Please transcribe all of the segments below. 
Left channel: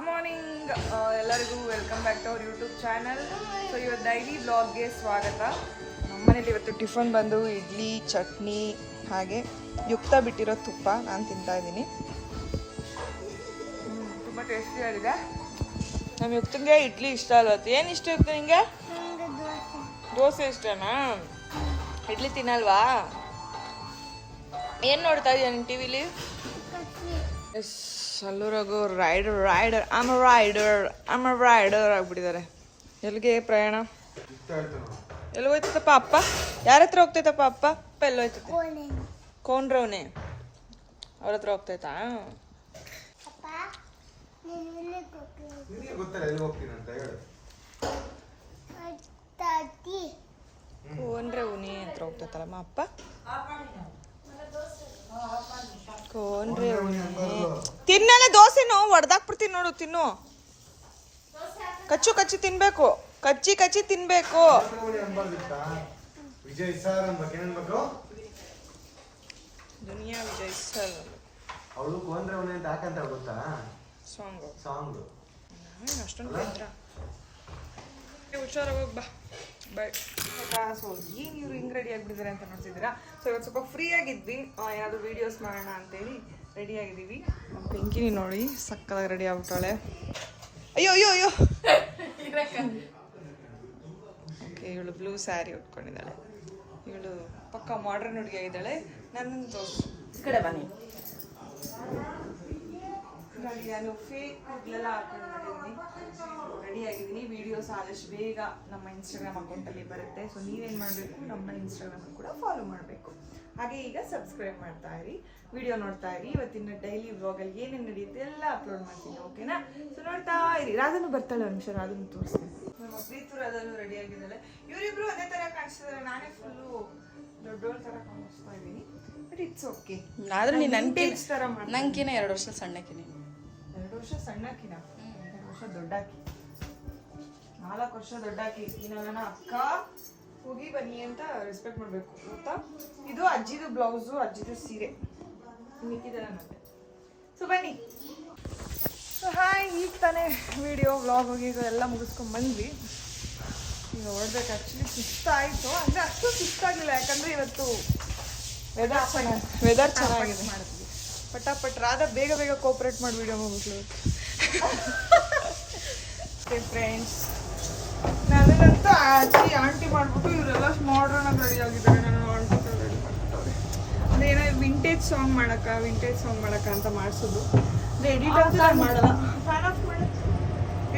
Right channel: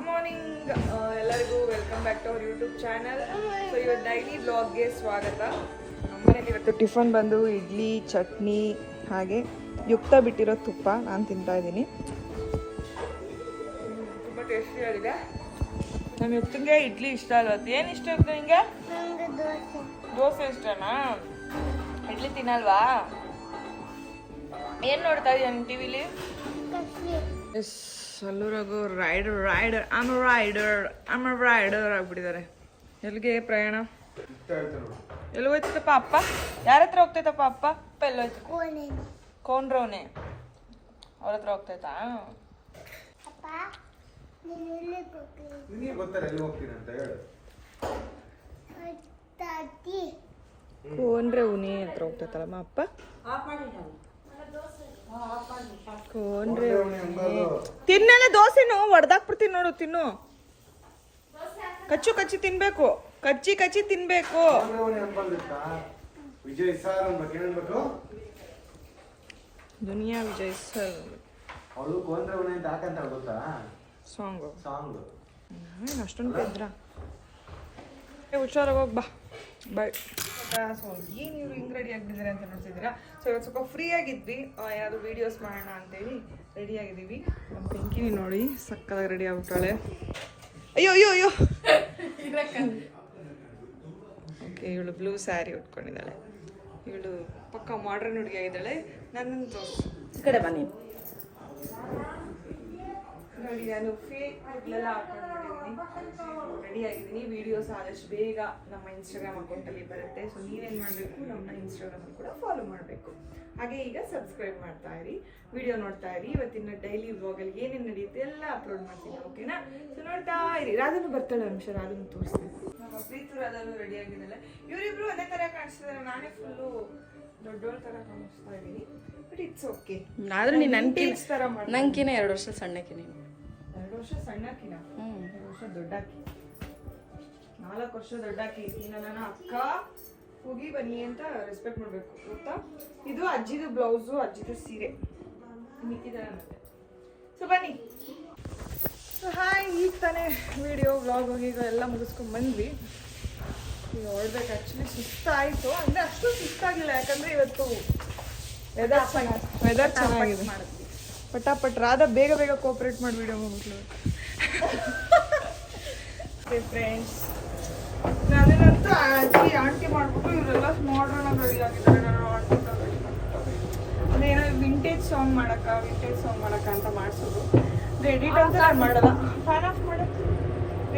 Good morning ಎಲ್ಲರಿಗೂ welcome back to our YouTube channel. So ಇವತ್ತು daily ಬ್ಲಾಗ್ಗೆ ಸ್ವಾಗತ. ನಮ್ಮನೇಲಿ ಇವತ್ತು ಟಿಫನ್ ಬಂದು ಇಡ್ಲಿ, ಚಟ್ನಿ ಹಾಗೆ ಯುಕ್ತ ಬಿಟ್ಟಿರೋ ತುಪ್ಪ ನಾನು ತಿಂತಾ ಇದ್ದೀನಿ. ತುಂಬ ಟೇಸ್ಟಿಯಾಗಿದೆ. ನಮ್ಮ ಯುಕ್ತಂಗೆ ಇಡ್ಲಿ ಇಷ್ಟ ಅಲ್ವತ್ತು. ಏನು ಇಷ್ಟ ಇತ್ತು ನಿಮಗೆ? ದೋಸೆ ಇಷ್ಟನಾ? ಇಡ್ಲಿ ತಿನ್ನಲ್ವಾ? ಏನು ನೋಡ್ತಾ ಇದ್ದೀನಿ ಟಿವಿಲಿ? S, ಅಲ್ಲೂರಾಗು rider ಆಗ್ಬಿಟ್ಟಿದ್ದಾರೆ. ಎಲ್ಲಿಗೆ ಪ್ರಯಾಣ? ಎಲ್ಲಿ ಹೋಯ್ತಪ್ಪ ಅಪ್ಪ? ಯಾರ ಹತ್ರ ಹೋಗ್ತೈತಪ್ಪ ಅಪ್ಪ? ಅಪ್ಪ ಎಲ್ಲ ಹೋಯ್ತೈತೆ? ಕೋನ್ರವನೆ ಅವ್ರ ಹತ್ರ ಹೋಗ್ತೈತಾ? ಕೋನ್ರವನೆ ಹತ್ರ ಹೋಗ್ತೈತಲ್ಲಮ್ಮ ಅಪ್ಪ. ತಿನ್ನಲ್ಲ ದೋಸೆನು ಹೊಡೆದಾಕ್ಬಿಡ್ತೀನಿ ನೋಡು. ತಿನ್ನು, ಕಚ್ಚಿ ತಿನ್ಬೇಕು. ಕಚ್ಚಿ ತಿನ್ಬೇಕು. ದುನಿಯಾ ವಿಜಯ್ ಸರ್ ಸಾಂಗ್ ಅಷ್ಟೊಂದು ಇದ್ರ ಹುಷಾರಾಗಿ ಹೋಗಿ ಬಾಯ್. ಸೊ ಏನು ಇವ್ರು ಹಿಂಗೆ ರೆಡಿ ಆಗಿಬಿಟ್ಟಿದ್ದಾರೆ ಅಂತ ನೋಡ್ತಿದ್ದೀರಾ. ಸೊ ಇವತ್ತು ಸ್ವಲ್ಪ ಫ್ರೀ ಆಗಿದ್ವಿ, ಏನಾದರೂ ವೀಡಿಯೋಸ್ ಮಾಡೋಣ ಅಂತೇಳಿ ರೆಡಿ ಆಗಿದ್ದೀವಿ. ನಮ್ಮ ಪಿಂಕಿನಿ ನೋಡಿ ಸಕ್ಕದಾಗಿ ರೆಡಿ ಆಗ್ಬಿಟ್ಟಾಳೆ. ಅಯ್ಯೋ ಓಕೆ, ಇವಳು ಬ್ಲೂ ಸ್ಯಾರಿ ಉಟ್ಕೊಂಡಿದ್ದಾಳೆ. ಇವಳು ಪಕ್ಕ ಮಾಡ್ರನ್ ಹುಡುಗಿ ಆಗಿದ್ದಾಳೆ. ನನ್ನನ್ನು ತೋರಿಸು, ಈ ಕಡೆ ಬನ್ನಿ. ನಾನು ಫೇಕ್ ಕೂದಲೆಲ್ಲ ಹಾಕೊಂಡು ರೆಡಿ ಆಗಿದ್ದೀನಿ. ವೀಡಿಯೋಸ್ ಆದಷ್ಟು ಬೇಗ ನಮ್ಮ ಇನ್ಸ್ಟಾಗ್ರಾಮ್ ಅಕೌಂಟಲ್ಲಿ ಬರುತ್ತೆ. ಸೊ ನೀವೇನು ಮಾಡಬೇಕು, ನಮ್ಮ ಇನ್ಸ್ಟಾಗ್ರಾಮಲ್ಲಿ ಕೂಡ ಫಾಲೋ ಮಾಡಬೇಕು. ಹಾಗೆ ಈಗ ಸಬ್ಸ್ಕ್ರೈಬ್ ಮಾಡ್ತಾ ಇರಿ, ವಿಡಿಯೋ ನೋಡ್ತಾ ಇರಿ. ಇವತ್ತಿನ ಡೈಲಿ ವ್ಲಾಗಲ್ಲಿ ಏನೇನು ನಡೆಯುತ್ತೆ ಎಲ್ಲ ಅಪ್ಲೋಡ್ ಮಾಡ್ತೀನಿ, ಓಕೆನಾ? ಸೊ ನೋಡ್ತಾ ಇರಿ. ರಾಧನು ಬರ್ತಾಳೆ, ಒಂದು ನಿಮಿಷ ರಾಧನು ತೋರಿಸ್ತೀನಿ. ನಮ್ಮ ಪ್ರೀತು ರಾಧನು ರೆಡಿ ಆಗಿದ್ದಾಳೆ. ಇವರಿಬ್ರು ಅದೇ ಥರ ಕಾಣಿಸ್ತಿದ್ದಾರೆ. ನಾನೇ ಫುಲ್ಲು ದೊಡ್ಡೋಳ ಥರ ಕಾಣಿಸ್ತಾ ಇದ್ದೀನಿ. But it's okay. ಆದ್ರೆ ನೀನು ನಂಟೇಜ್ ಥರ ಮಾಡಿ ನಂಗಿನ 2 ವರ್ಷ ಸಣ್ಣಕ್ಕೆ. ನೀನು 2 ವರ್ಷ ಸಣ್ಣಕ್ಕಿನ 2 ವರ್ಷ ದೊಡ್ಡಾಕಿ, 4 ವರ್ಷ ದೊಡ್ಡಾಕಿ. ನನ್ನ ಅಕ್ಕ ಹೋಗಿ ಬನ್ನಿ ಅಂತ ರೆಸ್ಪೆಕ್ಟ್ ಮಾಡಬೇಕು, ಗೊತ್ತಾ? ಇದು ಅಜ್ಜಿದು ಬ್ಲೌಸು, ಅಜ್ಜಿದು ಸೀರೆ, ಮಿಕ್ಕಿದೆಲ್ಲ ಮತ್ತೆ. ಸೊ ಬನ್ನಿ. ಸೊ ಹಾಯ್, ಈಗ ತಾನೇ ವಿಡಿಯೋ ವ್ಲಾಗ್ ಹೋಗಿ ಎಲ್ಲ ಮುಗಿಸ್ಕೊಂಡು ಬಂದ್ವಿ. ಈಗ ಹೊರಡ್ಬೇಕು. ಆ್ಯಕ್ಚುಲಿ ಸುಸ್ತಾಯಿತು, ಅಂದರೆ ಅಷ್ಟು ಸುಸ್ತಾಗಿಲ್ಲ, ಯಾಕಂದರೆ ಇವತ್ತು ವೆದರ್ ಚೆನ್ನಾಗಿದೆ. ಮಾಡಿದ್ವಿ ಪಟಾಪಟ್. ರಾಧಾ ಬೇಗ ಕೋಆಪ್ರೇಟ್ ಮಾಡಿ ವಿಡಿಯೋ ಮುಗಿದ್ವಿ. ಫ್ರೆಂಡ್ಸ್, ನಾನೇನಂತೂ ಆಂಟಿ ಮಾಡ್ಬಿಟ್ಟು ಇವರೆಲ್ಲ ಮಾಡ್ರನ್ ಆಗಿ ರೆಡಿ ಆಗಿದ್ದಾರೆ. ನಾನು ಆಂಟಿ ಏನೋ ವಿಂಟೇಜ್ ಸಾಂಗ್ ಮಾಡಕ್ಕ ಅಂತ ಮಾಡಿಸೋದು. ಎಡಿಟ್ ಅಂತೂ ನಾನು ಮಾಡಲ್ಲ. ಫ್ಯಾನ್ ಆಫ್ ಮಾಡು.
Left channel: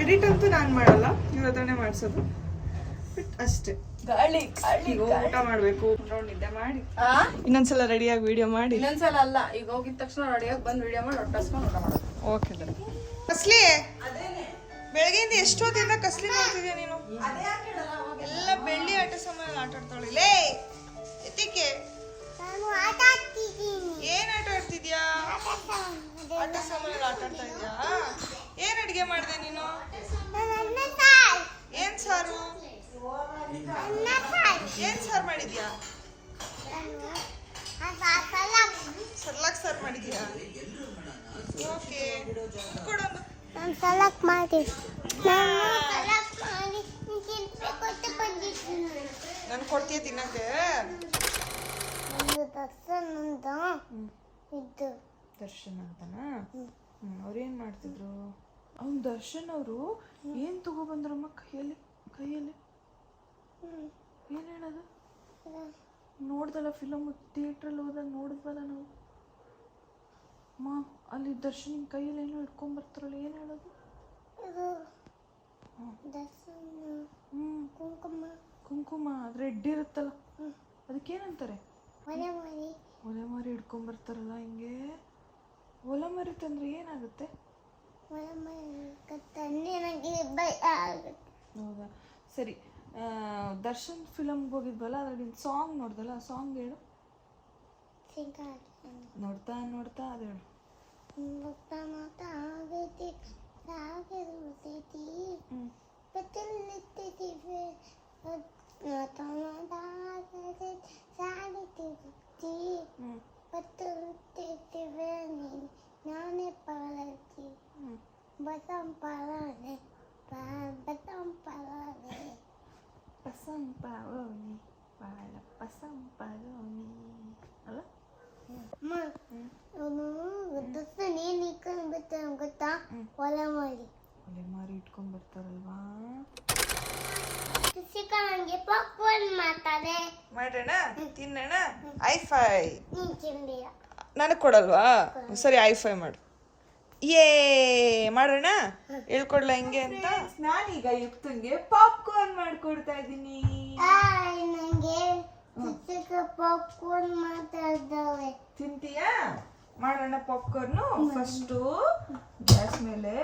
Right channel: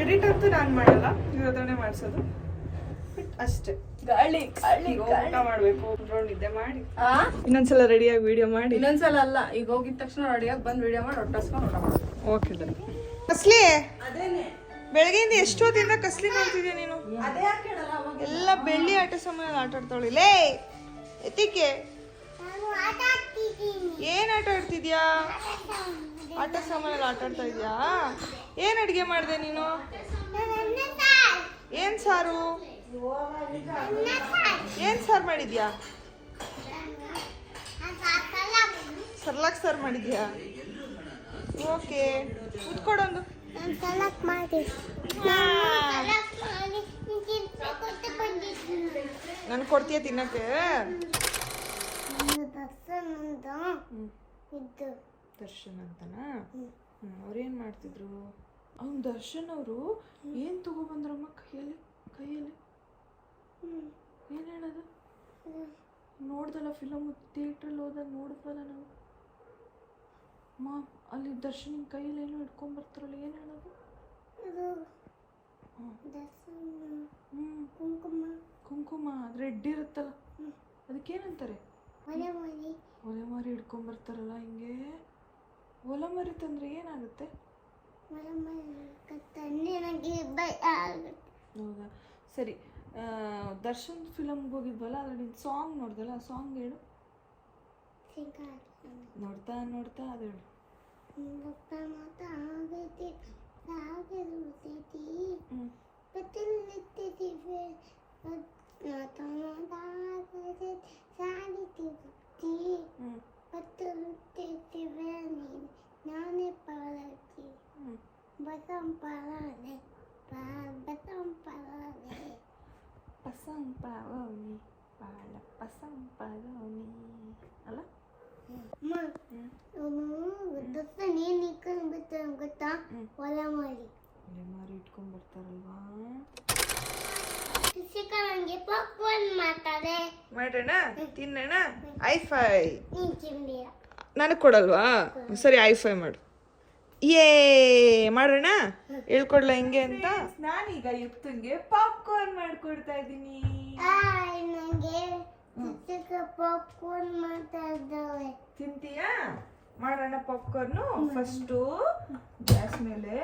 ಎಡಿಟ್ ಅಂತೂ ನಾನು ಮಾಡಲ್ಲ, ಇವ್ರ ಹತ್ರನೇ ಮಾಡಿಸೋದು ಅಷ್ಟೇ. ಊಟ ಮಾಡ್ಬೇಕು, ನಿದ್ದೆ ಮಾಡಿ ಇನ್ನೊಂದ್ಸಲ ರೆಡಿಯಾಗಿ ವಿಡಿಯೋ ಮಾಡಿ. ಇನ್ನೊಂದ್ಸಲ ಅಲ್ಲ, ಈಗ ಹೋಗಿದ ತಕ್ಷಣ ರೆಡಿಯಾಗಿ ಬಂದು ವಿಡಿಯೋ ಮಾಡಿ ಹೊಟ್ಟಸ್ಕೊಂಡು ಊಟ ಮಾಡೋದು. Okay done. ಕಸ್ಲಿ, ಬೆಳಗ್ಗೆಯಿಂದ ಎಷ್ಟೊತ್ತಿಂದ ಕಸ್ಲಿ ಮಾಡ್ತಿದ್ಯಾ ನೀನು? ಎಲ್ಲ ಬೆಳ್ಳಿ ಆಟ ಸಾಮಾನಲ್ಲಿ ಆಟ ಆಡ್ತಾಳೆ. ಲೇ ಎತ್ತಿಕೆ, ಏನ್ ಆಟ ಆಡ್ತಿದ್ಯಾ? ಆಟ ಸಾಮಾನಲ್ಲಿ ಆಟ ಆಡ್ತಾ ಇದ್ಯಾ? ಏನ್ ಅಡಿಗೆ ಮಾಡಿದೆ ನೀನು? ಏನ್ ಸಾರು ಮಾಡಿದ್ಯಾ? ಸರ್ಲಾಕ್ ಸಾರು ಮಾಡಿದ್ಯಾ? ಓಕೆ, ಉತ್ಕೊಡೊಂದು. ನನ್ ಕೊಡ್ತೀಯ ತಿನ್ನಕ್ಕೆ? ದರ್ಶನ್ ಅಂತನಾ? ಅವ್ರೇನ್ ಮಾಡ್ತಿದ್ರು? ಅವ್ನು ದರ್ಶನ್ ಅವರು ಏನ್ ತಗೊಬಂದ್ರಮ್ಮ ಕೈಯಲ್ಲಿ? ಏನ್ ಹೇಳೋದು? ನೋಡ್ದಲ್ಲ ಫಿಲಮ್, ಥಿಯೇಟ್ರಲ್ಲಿ ಹೋದಾಗ ನೋಡಿದ್ವಲ್ಲ ನಾವು. ಅಲ್ಲಿ ದರ್ಶನ್ ಕೈಯಲ್ಲಿ ಏನೋ ಇಟ್ಕೊಂಡ್ಬರ್ತಾರಲ್ಲ, ಏನು ಹೇಳೋದು? ಕುಂಕುಮ, ಅದು ರೆಡ್ ಇರುತ್ತಲ್ಲ, ಅದಕ್ಕೇನಂತಾರೆ? ಒಲೆ ಮಾರಿ ಇಟ್ಕೊಂಡ್ಬರ್ತಾರಲ್ಲ ಹಿಂಗೆ. ಒಲೆ ಮಾರಿ ತಂದ್ರೆ ಏನಾಗುತ್ತೆ? ಹೌದಾ, ಸರಿ. ದರ್ಶನ್ ಫಿಲಮ್ಗೆ ಹೋಗಿದ್ವಲ್ಲ, ಅದ್ರಲ್ಲಿ ಸಾಂಗ್ ನೋಡ್ದಲ್ಲ, ಆ ಸಾಂಗ್ ಹೇಳು. ನೋಡ್ತಾ ಅದು ಹೇಳು. ನಾನೇ ಪಾಲಕಿ ಪಸಂಪರೋನಿ ಬಾಳ ಪಸಂಪರೋನಿ ಅಲ್ಲ ನೀನ್ ಇಟ್ಕೊಂಡು ಬರ್ತಾರ ಗೊತ್ತಾ ಒಲೆ ಮಾಡಿ ಒಲೆ ಮಾರಿ ಇಟ್ಕೊಂಡ್ ಬರ್ತಾರಲ್ವಾ ನಂಗೆ ಪಾಪ್ಕಾರ್ನ್ ಮಾಡ್ತಾರೆ ಮಾಡೋಣ ತಿನ್ನೋಣ ಐಫೈ ನೀನ್ ತಿಂದಿಲ್ಲ ನನಗೆ ಕೊಡಲ್ವಾ ಸರಿ ಐಫೈ ಮಾಡು ಏ ಮಾಡೋಣ ಹೇಳ್ಕೊಡ್ಲ ಹೆಂಗೆ ಅಂತ ನಾನೀಗ ಯುಕ್ತಂಗೆ ಪಾಪ್ಕಾರ್ನ್ ಮಾಡ್ಕೊಡ್ತಾ ಇದ್ದೀನಿ ನಂಗೆ ಪಾಪ್ಕಾರ್ನ್ ಮಾಡ್ತಾ ಇದ್ದಾವೆ ತಿಂತೀಯಾ ಮಾಡೋಣ ಪಾಪ್ಕಾರ್ನು ಫಸ್ಟು ಗ್ಯಾಸ್ ಮೇಲೆ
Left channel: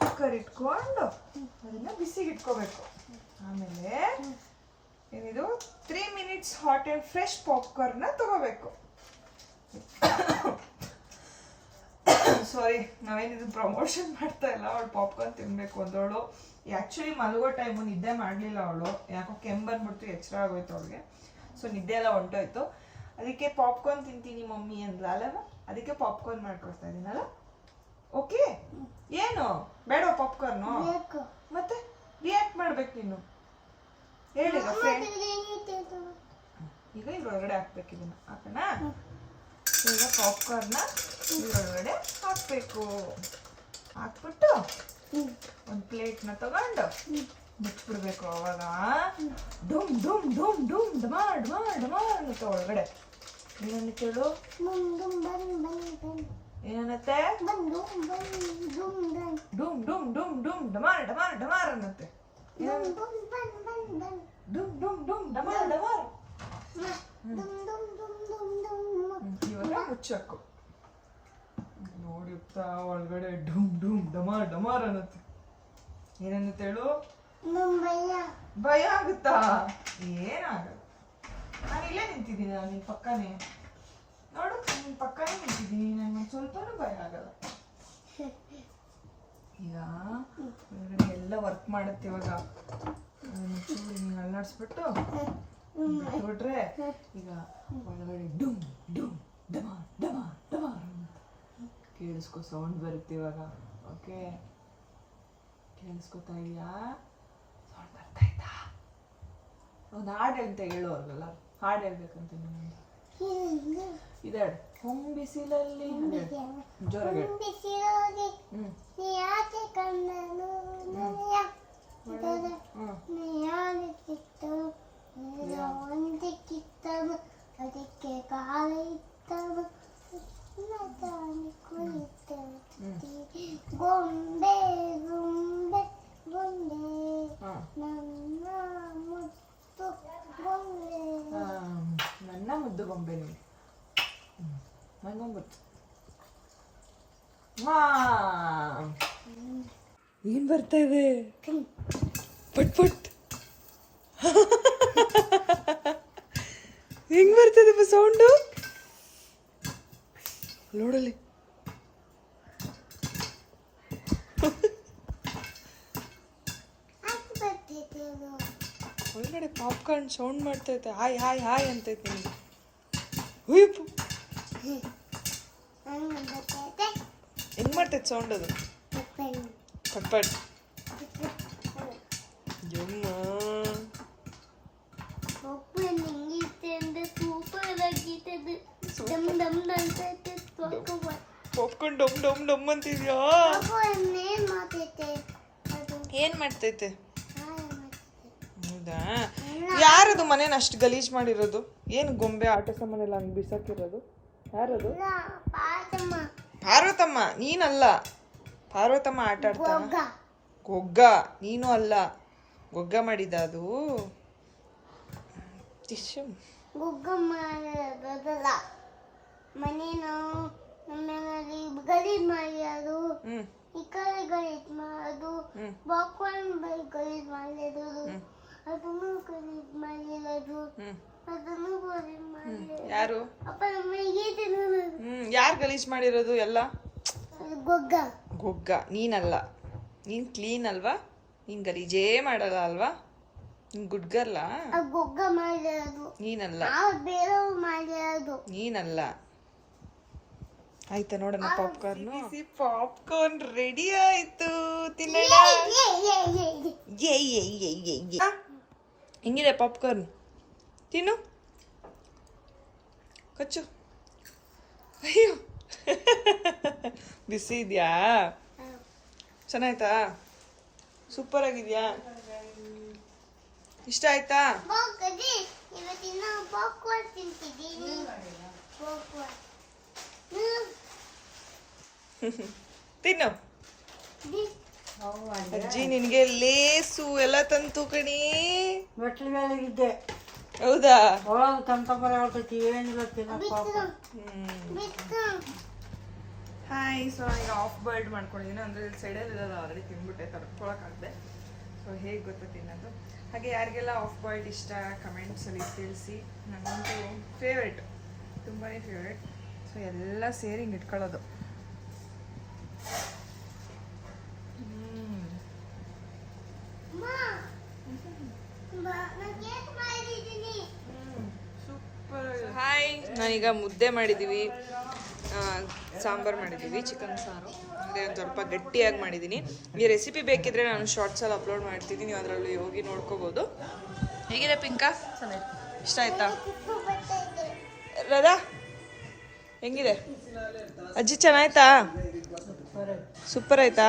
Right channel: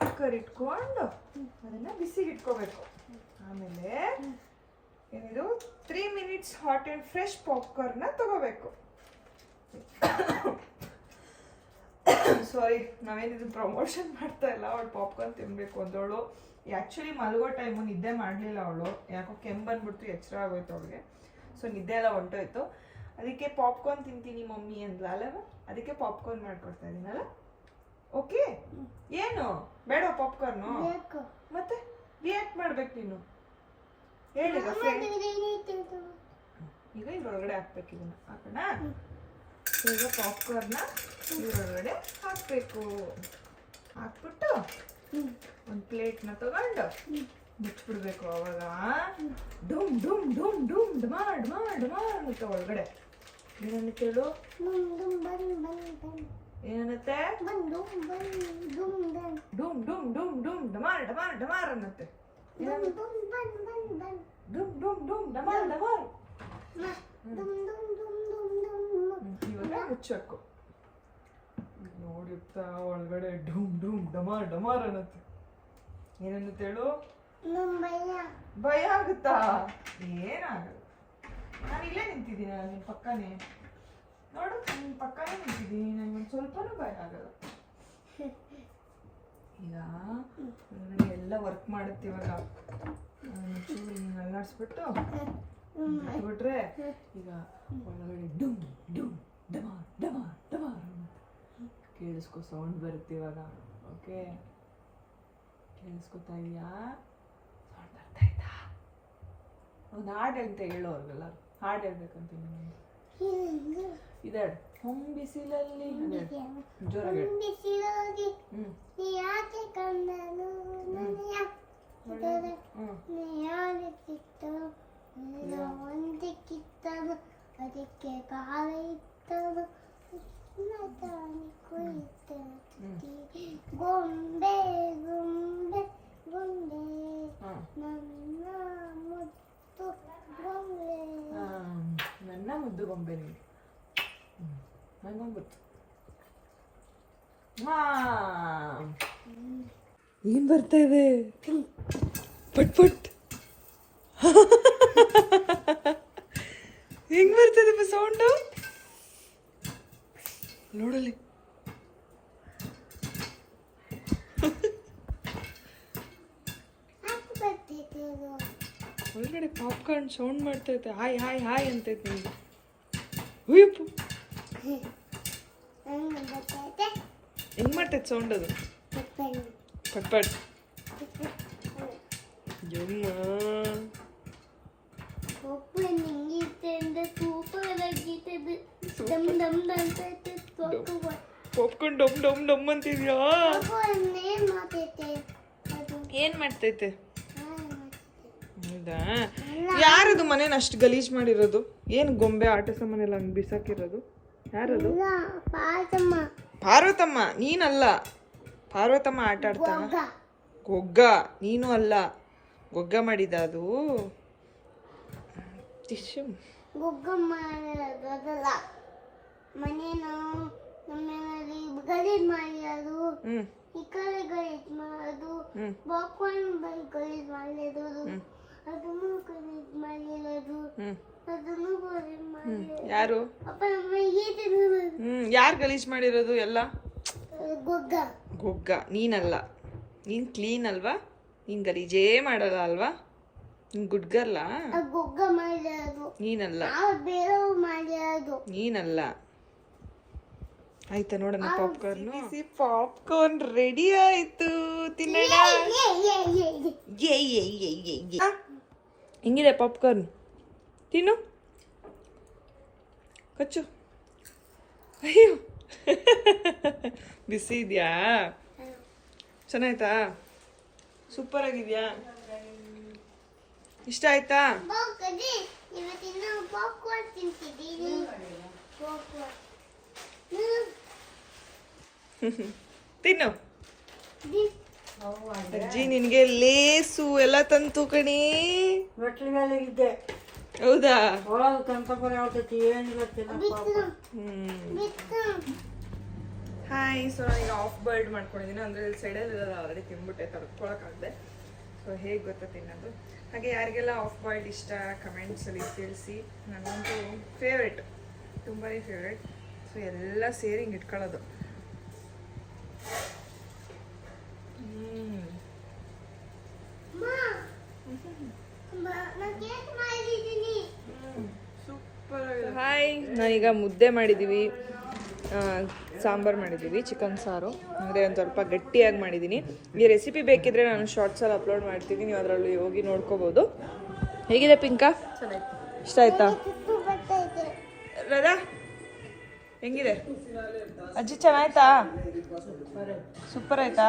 ಕುಕ್ಕರ್ ಇಟ್ಕೊಂಡು ಅದನ್ನ ಬಿಸಿಗೆ ಇಟ್ಕೋಬೇಕು ಆಮೇಲೆ ಏನಿದು 3 ಮಿನಿಟ್ಸ್ ಹಾಟ್ ಆ್ಯಂಡ್ ಫ್ರೆಶ್ ಪಾಪ್ಕಾರ್ನ್ನ ತಗೋಬೇಕು ಸಾರಿ ನಾವೇನಿದು ಪ್ರಮೋಷನ್ ಮಾಡ್ತಾ ಇಲ್ಲ ಅವಳು ಪಾಪ್ಕಾರ್ನ್ ತಿನ್ಬೇಕು ಅಂದವಳು ಆ್ಯಕ್ಚುಲಿ ಮಲಗೋ ಟೈಮು ನಿದ್ದೆ ಮಾಡಲಿಲ್ಲ ಅವಳು ಯಾಕೋ ಕೆಮ್ಮು ಬಂದ್ಬಿಡ್ತು ಎಚ್ಚರ ಆಗೋಯ್ತು ಅವಳಿಗೆ ಸೊ ನಿದ್ದೆ ಎಲ್ಲ ಹೊಂಟೋಯ್ತು ಅದಕ್ಕೆ ಪಾಪ್ಕಾರ್ನ್ ತಿಂತೀನಿ ಮಮ್ಮಿ ಅಂದ್ಲ ಅಲ್ಲವ ಅದಕ್ಕೆ ಪಾಪ್ಕಾರ್ನ್ ಮಾಡ್ಕೊಡ್ತಾ ಇದ್ದೀನಲ್ಲ ಓಕೆ ಏನು ಬೇಡ ಪಾಪ್ಕಾರ್ನು ಮತ್ತೆ ರಿಯಾಕ್ಟ್ ಮಾಡ್ಬೇಕು ನೀನು ಹೇಳಿಗ ಫ್ರೆಂಡ್ ಈಗ ಇದ್ರೊಳಗಡೆ ಹಾಕ್ಬೇಕು ಇದನ್ನ ಹಾಕೋಣ ಈಗ ಪಾಪ್ಕಾರ್ನ್ನ ಇದ್ರೊಳಗಡೆ ಹಾಕ್ಬೇಕು ಹಾಕ್ಬಿಟ್ಟು ಒಂದು ಪ್ಲೇಟ್ನ ತಗೊಂಡು ಮುಚ್ಚಿಬಿಡ್ಬೇಕು ಅವಾಗ ಡುಮ್ ಡುಮ್ ಡುಮ್ ಡುಮ್ ಡಮಾರ್ ಡಮಾರ್ ಡಮಾರ್ ಅನ್ನತ್ತೆ ಒಳಗಡೆ ಏನನ್ನತ್ತೆ ಹೇಳು ಏನನ್ನತ್ತೆ ಡುಮ್ ಡುಮ್ ಡುಮ್ ಡುಮ್ ಡಮಾರ್ ಡಮಾರ್ ಡಮಾರ್ ಅನ್ನತ್ತೆ ಡುಮ್ ಡುಮ್ ಡುಮ್ ಡಮಾರ್ ಡಮಾರ್ ಇವಾಗ ಮುಚ್ಚಬೇಕು ನೋಡಿ ಒಳಗಡೆ ಡುಮ್ ಡುಮ್ ಡಮಾರ್ ಡಮಾರ್ ಅನ್ನತ್ತೆ ಏನನ್ನತ್ತೆ ಹೇಳು ಭಯ ಆಗುತ್ತಾ ಏನಾಗಲ್ಲ ನಾನು ಇಲ್ಲೇ ನಿಂತಿದ್ದೀನಿ ನಾನು ನಿನ್ನ ಪಕ್ಕನೇ ನೋಡು ನಿನ್ನ ಪಕ್ಕನೇ ನಿಂತಿದ್ದೀನಿ ನನಗೆ ಸ್ವಲ್ಪನೂ ಭಯ ಆಗಲ್ಲ ಈಗ ಒಳಗಡೆ ಎಲ್ಲ ವರ್ಕ್ ಮಾಡುತ್ತೆ ಇವಾಗ ಚೂರು ನೀನು ಅಲ್ಲಾಡಿಸ್ಬಿಟ್ಟು ಬಿಟ್ರೆ ಈಗ ಒಳಗಡೆ ಡುಮ್ ಡುಮ್ ಡಮಾರ್ ಡಮಾರ್ ಡಮಾರ್ ಕೇಳಿಸ್ಕೊ ಸೌಂಡ್ ಬರುತ್ತೆ ಇವಾಗ ಓಕೆ ಕೇಳಿಸ್ಕೊತಾ ಇದೆಯಾ ಸೌಂಡ್ ಬರ್ತಾ ಇದ್ದ ಒಂದು ಹಾಡು ಅಂತ ಹೇಳು ಅವ್ರಿಗೆಲ್ಲ ಹಾಡು ಹೇಳ್ಬೇಕಂತ ಇನ್ನೊಂದು ಇದಾಡು ಹೊಂಬಿಸಿಲಲ್ಲಿ ಜೋರಾಗಿ ಕಿತ್ತದು ಅದಕ್ಕೆ ಕಾಲ ಇತ್ತದು ಗೊಂಬೆ ಗೊಂಬೆ ಗೊಂಬೆ ನನ್ನ ಮುದ್ದು ಗೊಂಬೆ ನನ್ನ ಮುದ್ದು ಗೊಂಬೆ ನೀನು ಮನೋಂಬತ್ತು ಏನ್ ಬರ್ತಾ ಇದೆ ಪಟ್ ಪಟ್ ಹೆಂಗ್ ಬರ್ತದೆ ಸೌಂಡು ನೋಡಲಿ ಒಳಗಡೆ ಪಾಪ್ಕಾರ್ನ್ ಸೌಂಡ್ ಮಾಡ್ತೈತೆ ಹಾಯ್ ಹಾಯ್ ಹಾಯ್ ಅಂತೈತೆ ನಿಮಗೆ ಹುಯ್ಯಪ್ಪು ಹೆಂಗ್ ಮಾಡ್ತೈತೆ ಸೌಂಡ್ ಅದು ಪಟ್ಪಟ್ ಯಮ್ಮ ಪಾಪ್ಕಾರ್ನ್ ಡಮ್ ಡಮ್ ಡಮ್ ಅಂತಿದ್ಯಾ ಏನ್ ಮಾಡ್ತೈತೆ ಹೌದಾ ಯಾರದು ಮನೇನ ಅಷ್ಟು ಗಲೀಜ್ ಮಾಡಿರೋದು ಏನು ಗೊಂಬೆ ಆಟ ಸಾಮಾನೆಲ್ಲ ಹಂಗೆ ಬಿಸಾಕಿರೋದು ಯಾರದು ಪಾರ್ವತಮ್ಮ ನೀನಲ್ಲ ಪಾರ್ವತಮ್ಮ ಆಟ ಆಡ್ತಾನ ಗೊಗ್ಗ ನೀನು ಅಲ್ಲ ಗೊಗ್ಗ ಮಾಡಿದ ಅದು ಗೊಗ್ಗ ಮಾಡೋದಲ್ಲ ಮನೇನು ನಮ್ಮನೇಲಿ ಗಲೀಜ್ ಮಾಡಿ ಅದು ಈ ಕಡೆ ಗಲೀಜ್ ಮಾಡೋದು ಪಾಪ್ಕಾರ್ನ್ ಗಲೀಜ್ ಮಾಡಿರೋದು ಅದನ್ನು ಗಲೀಜ್ ಮಾಡಿರೋದು ಅದನ್ನು ಗಲೀಜ್ ಮಾಡಿರೋದು ಯಾರು ಅಪ್ಪ ನಮಗೆ ತಿನ್ನೋದು ಯಾರು ಗಲೀಜ್ ಮಾಡಿರೋದು ಎಲ್ಲ ಗೊಗ್ಗ ಗೊಗ್ಗ ನೀನಲ್ಲ ನೀನ್ ಕ್ಲೀನ್ ಅಲ್ವಾ ನೀನ್ ಗಲೀಜೇ ಮಾಡಲ್ಲ ಅಲ್ವಾ ನೀನ್ ಗುಡ್ ಗರ್ಲ ಗೊಗ್ಗ ಮಾಡಿರೋದು ನೀನಲ್ಲ ನಾವು ಬೇರೆಯವ್ರು ಮಾಡಿರೋದು ನೀನಲ್ಲ ಆಯ್ತಾ ನೋಡೋಣ ಪಾಪ್ಕಾರ್ನ್. ಪಾಪ್ಕಾರ್ನ್ ರೆಡಿ ಆಯ್ತು, ತಿನ್ನೋಣ. ಹೆಂಗಿದೆ ಪಾಪ್ಕಾರ್ನ್? ತಿನ್ನು, ಕಚ್ಚು. ಅಯ್ಯೋ ಬಿಸಿ ಇದೆಯಾ? ಚೆನ್ನಾಯ್ತಾ? ಸೂಪರ್ ಆಗಿದ್ಯಾ? ಇಷ್ಟ ಆಯ್ತಾ? ತಿನ್ನು. ಅಜ್ಜಿ ನಿನ್ಗೆ ಲೇಸು ಎಲ್ಲ ತಂತು ಕಣಿ. ಇದ್ದೆ ಹೌದಾ? ಒಳಗೆ ತಂತಪರ ಆಗ್ತೈತಿ, ಏನಿಲ್ಲ ಹಾಯ್. ಸೊ ಈಗ ಆಫ್ ಬಾಯ್ಲ್ಡ್ ಮಾಡ್ಕೊಂಡಿದ್ದೀನಿ, ಅಂದರೆ ಸೈಡಲ್ಲಿ ಇರೋದು ಆಲ್ರೆಡಿ ತಿನ್ಬಿಟ್ಟೆ, ತಡ್ಕೊಳಕ್ಕಾಗದೆ. ಸೊ ಹೇಗೆ ಗೊತ್ತಾ ತಿನ್ನೋದು. ಹಾಗೆ ಯಾರಿಗೆಲ್ಲ ಆಫ್ ಬಾಯ್ಲ್ಡ್ ಇಷ್ಟ ಕಮೆಂಟ್ಸಲ್ಲಿ ತಿಳಿಸಿ. ನನಗಂತೂ ಫೇವ್ರೇಟ್, ತುಂಬಾ ಫೇವ್ರೇಟ್. ಸೊ ಎಲ್ಲ ಸೇರಿ ಹಿಂಗೆ ಇಟ್ಕೊಳ್ಳೋದು. ಸೂಪರ್. ಹಾಯ್, ನಾನೀಗ ಮುದ್ದೆ ಮಾಡಿದ್ದೀವಿ, ಸಾಂಬಾರು ಮಾಡಿದ್ದೀವಿ, ಚಿಕನ್ ಸಾರು. ಅದೇ ಒಂದು ಸ್ವಲ್ಪ ಗಟ್ಟಿಯಾಗಿ ಮಾಡಿದ್ದೀನಿ. ಈ ರೆಸಿಪಿ ಬೇಕಿದ್ರೆ ನಾನು ಶಾರ್ಟ್ಸಲ್ಲಿ ಅಪ್ಲೋಡ್ ಮಾಡ್ತೀನಿ, ನೀವು ಅದರಲ್ಲಿ ಹೋಗಿ ನೋಡ್ಕೋಬೋದು. ಹೇಗಿದೆ ಪಿಂಕಾ? ಚೆನ್ನಾಗಿತ್ತು. ಇಷ್ಟ ಆಯ್ತಾ ರಾಧಾ? ಹೆಂಗಿದೆ ಅಜ್ಜಿ? ಚೆನ್ನಾಯ್ತಾ? ಸೂಪರ್ ಆಯ್ತಾ?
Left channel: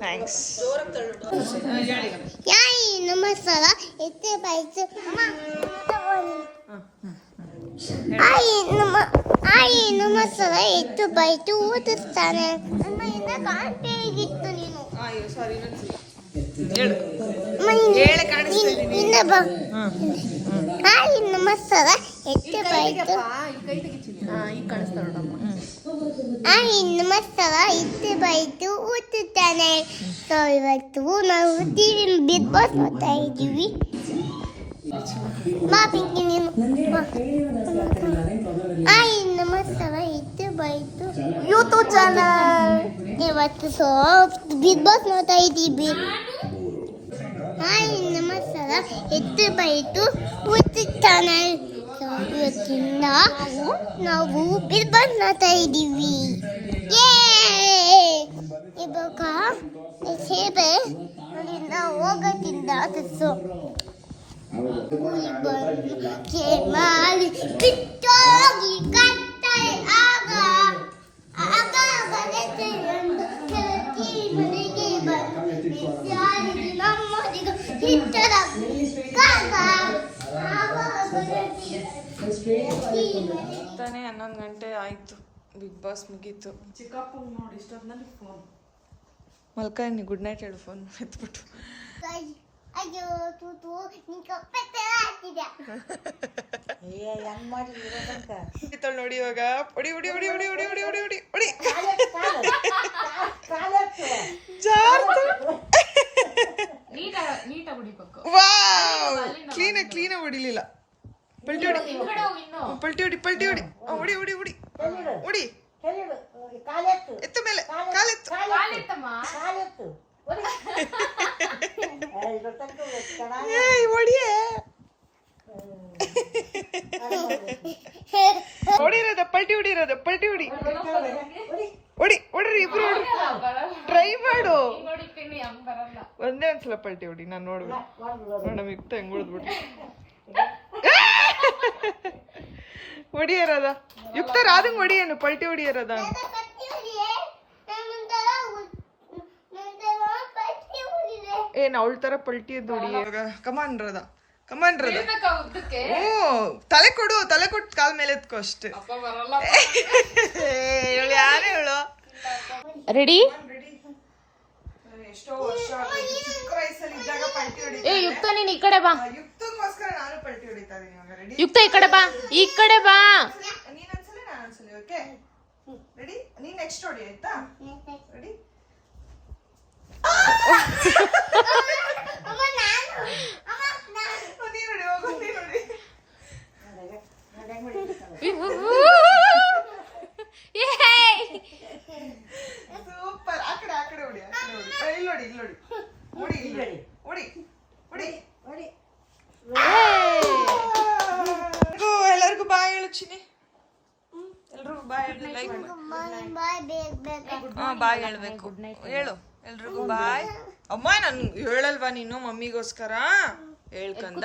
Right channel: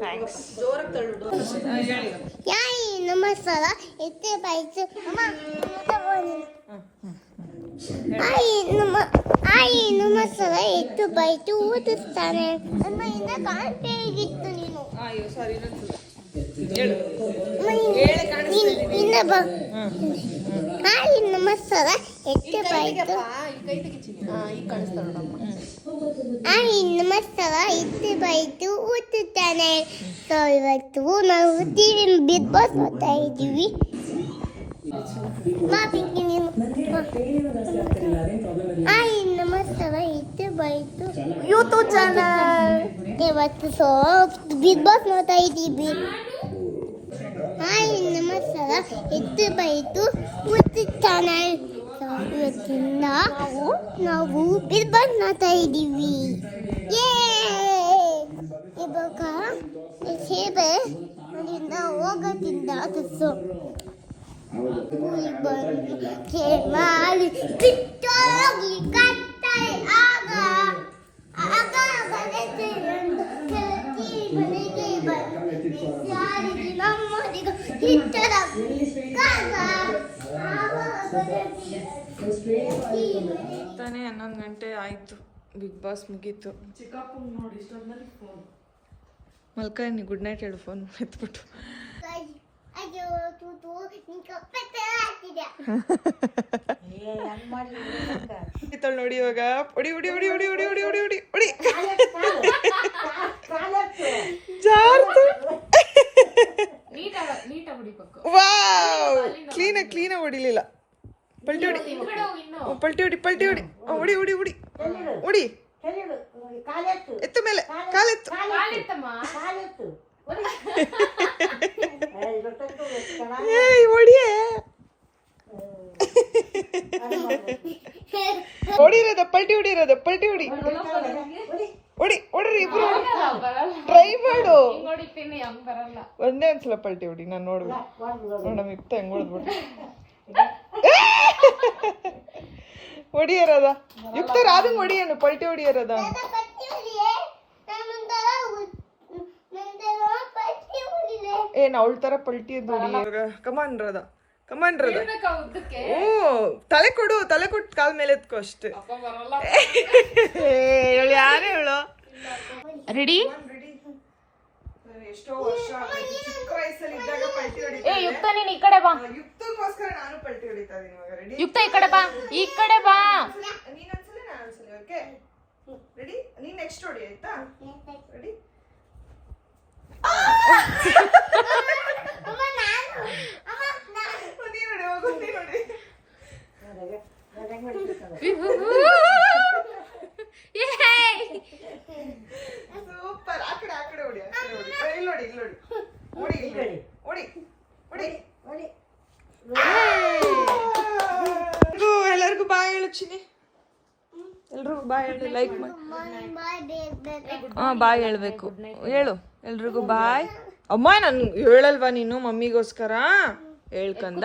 ಥ್ಯಾಂಕ್ಸ್. ನಮಸ್ಕಾರ. ನಮಸ್ಕಾರ. ಎಷ್ಟು ಬೈತು ಓದಿಸ್ತಾನೆ. ಕಾಣ್ತೇ ಇತ್ತು ನೀನು. ಇನ್ನ ಬಾ. ಹಾಯ್ ನಮಸ್ಕಾರ. ಎಷ್ಟು ಬೈತು. ಹಾಯ್ ನಮಸ್ಕಾರ. ಎಷ್ಟು ಬೈತು ಓದುತ್ತಾನೆ. ಸೊ ಇವತ್ತು ನಾವು ಟಿವಿ ಬಿಗ್ ಬಾಸ್ ನೋಡ್ತಾ ಇದ್ದೀವಿ. ಹಾಯ್ ನಮಸ್ಕಾರ. ಎಷ್ಟು ಬೈತು ಯೂಟ್ಯೂಬ್ ಚಾನಲ್. ಇವತ್ತು ಸೊ ಬಿಗ್ ಬಾಸ್ ನೋಡ್ತಾ ಇದ್ದೀವಿ. ಹಾಯ್ ನಮಸ್ಕಾರ. ಎಷ್ಟು ಬೈತು ಯೂಟ್ಯೂಬ್ ಚಾನಲ್. ಇವತ್ತಿಂದ ನಾವು ಬಿಗ್ ಬಾಸ್ ನೋಡ್ತಾ ಇದ್ದೀವಿ. ಇವಾಗ ಸೇಬೆ ಅಲ್ಲಿಂದ ಹೋಗೋದ್ರಿಂದ ಅದನ್ನು ಮಾಡಿ ಬಿಟ್ಟೋಗಿ ಕಟ್ತಾರೆ. ಆಗ ಆಗ ಮನೆಗೆ ನಮ್ಮದಿಗ ಹಿಟ್ಟದ ತಾನೇ 11 ಗಂಟೆ ಆಯಿತು, ಬಿಗ್ ಬಾಸ್ ಮುಗೀತು. ಚಿಕ್ಕಪ್ಪ ನೋಡಿ ಇಷ್ಟೊಂದಲ್ಲಿ ಫೋನ್ ಮಲ್ಕನಿ ಗುಡ್ ನೈಟ್ ಹೇಳು, ಫೋನ್ ಎತ್ಬಿಟ್ಟು. ಅಯ್ಯೋ ತೂತು ನಿನ್ ಕಪ್ಪೆ ತರ ಆಗ್ತಿದೆ. ನೋಡಿ ಇವಾಗ ಹೊಡಿ ಹೊಡಿ ಹೊಡಿ ಹೊಡಿ ಹೊಡಿ ಹೊಡಿ ಹೊಡಿ ಹೊಡಿ ಹೊಡಿ ಜಾರ್ತು. ವಾವ್, ಕ್ಲೀನಾಗಿ ಹೊಡಿಲಿಲ್ಲ. ಪಲ್ಟಿ ಹೊಡಿ, ಪಲ್ಟಿ ಹೊಡಿ, ಪಲ್ಟಿ ಹೊಡಿ, ಹೊಡಿ ಹೊಡಿ ಹೊಡಿ ಹೊಡಿ. ಎತ್ತು ಮೇಲೆ ಕಾಲೆತ್ತು. ಏಯ್ ಹೊಡಿಯೇ. ಹೊಡಿರೋದ ಪಲ್ಟಿ ಹೊಡಿರೋದ, ಪಲ್ಟಿ ಹೊಡಿ ಹೊಡಿ ಹೊಡ್ರಿ, ಇಬ್ರು ಹೊಡಿ. ಟ್ರೈ ಮಾಡು, ಒಂದೇ ಒಂದ್ಸಲ ಪಲ್ಟಿ ಹೊಡಿ, ನಾನು ನೋಡ್ಬೇಕು. ನಮ್ ಇತ್ತ ಹೆಂಗ್ ಹೊಡೆದ್ಬಿಟ್ರಿ. ಹೊಡಿಯರದ ಯುಕ್ತ ರಾದಂಗ್ ಹೊಡಿಯೇನು, ಪಲ್ಟಿ ಹೊಡಿಯರದ. ಏನ್ ಅವಳ ತರ ಪಲ್ಟಿ ಎದ್ದು ಹೊಡಿ. ಇವಾಗ ಕಮಾನ್ ರಾಧ, ಕಮಾನ್ ರಾಧ. ಓ ತಲೆ ಕೊಡು, ತಲೆ ಕೊಟ್ಟು ಕಾಲ್ ಮೇಲೆ ಎತ್ಕೋ ಅಷ್ಟೇ. ಹೇಳು, ಯಾರೇ ಹೇಳು. ರೆಡಿ? ಎಷ್ಟೋ ವರ್ಷ ಚಿಕ್ಕ ವಯಸ್ಸಲ್ಲಿ ಇದ್ದಾಗ ಪಲ್ಟಿ ಹೊಡಿತಾ ನೀನ್ ಈ ಕಡೆ ಬಾ. ಯುಕ್ತಕ್ಕೋಸ್ಕರ ನಾನು ಪಲ್ಟಿ ಹೊಡಿತಾ ಇದೀನಿ ಇವಾಗ. ರೆಡಿ? ಯುಕ್ತ ಈ ಕಡೆ ಬಾ, ಈ ಕಡೆ ಬಾ. ನೀನ್ ಅನ್ಸಲಿ, ನಾನು ಅನ್ಸಲಿ. Okay ready? ನೀನ್ ನೆಕ್ಸ್ಟ್ ಹೊಡಿ ಆಯ್ತಾ? ರೆಡಿ? ಸೂಪರ್. ಆ ಕಡೆ ಹೊಡಿ, ಆ ಕಡೆ ಹೊಡಿ. ಇಲ್ಲಿ ನೋಡಿ, ಇಲ್ಲಿ ನೋಡಿ, ಹೊಡಿ, ಇಲ್ಲಿ ಹೊಡಿ, ಹೊಡಿ, ಹೊಡಿ. ಎಲ್ಲರಿಗೂ ಬಾಯ್ ಹೇಳು ಚಿನಿ. ಎಲ್ರಿಗೂ ಬಾಯ್ ಹೇಳಿ, ಲೈಕ್ ಮಾಡಿ. ಬಾಯ್ ಬೇಗ ಹಾ ಬಾಯ್ ಹೇಳ್ಬೇಕು. ಹೇಳು ಎಲ್ರಿಗೂ ಬಾಯ್. ಅಮ್ಮ ನನ್ ಹೇಳಲ್ವಾ ನೀನು ಮಮ್ಮಿಗೋಸ್ಕರ? ಹೇಳ್ಕಂದ.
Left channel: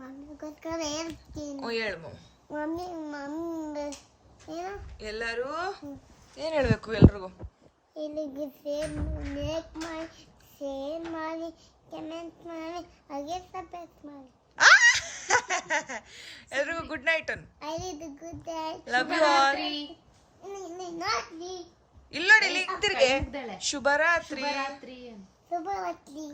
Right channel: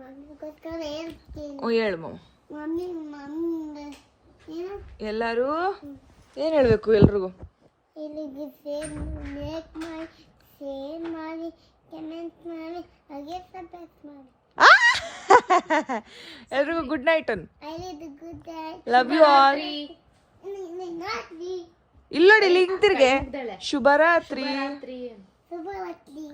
ಮಮ್ಮಿಗೋಸ್ಕರ ಹೇಳ್ತೀನಿ. ಹೇಳು ಮಮ್ಮ. ಮಮ್ಮಿ ಏನು ಎಲ್ಲರೂ ಏನ್ ಹೇಳ್ಬೇಕು ಎಲ್ರಿಗೂ? ಇಲ್ಲಿಗೆ ಲೈಕ್ ಮಾಡಿ, ಶೇರ್ ಮಾಡಿ, ಕಮೆಂಟ್ ಮಾಡಿ, ಹಾಗೆ ಸಬ್ಸ್ಕ್ರೈಬ್ ಮಾಡಿ. ಎಲ್ರಿಗೂ ಗುಡ್ ನೈಟ್ ಅನ್. I need a good day. Love you all. Not me. ಇಲ್ಲೋಡಿ ಇಲ್ಲಿ ತಿರ್ಗೆ. ಶುಭರಾತ್ರಿ. ಶುಭರಾತ್ರಿ.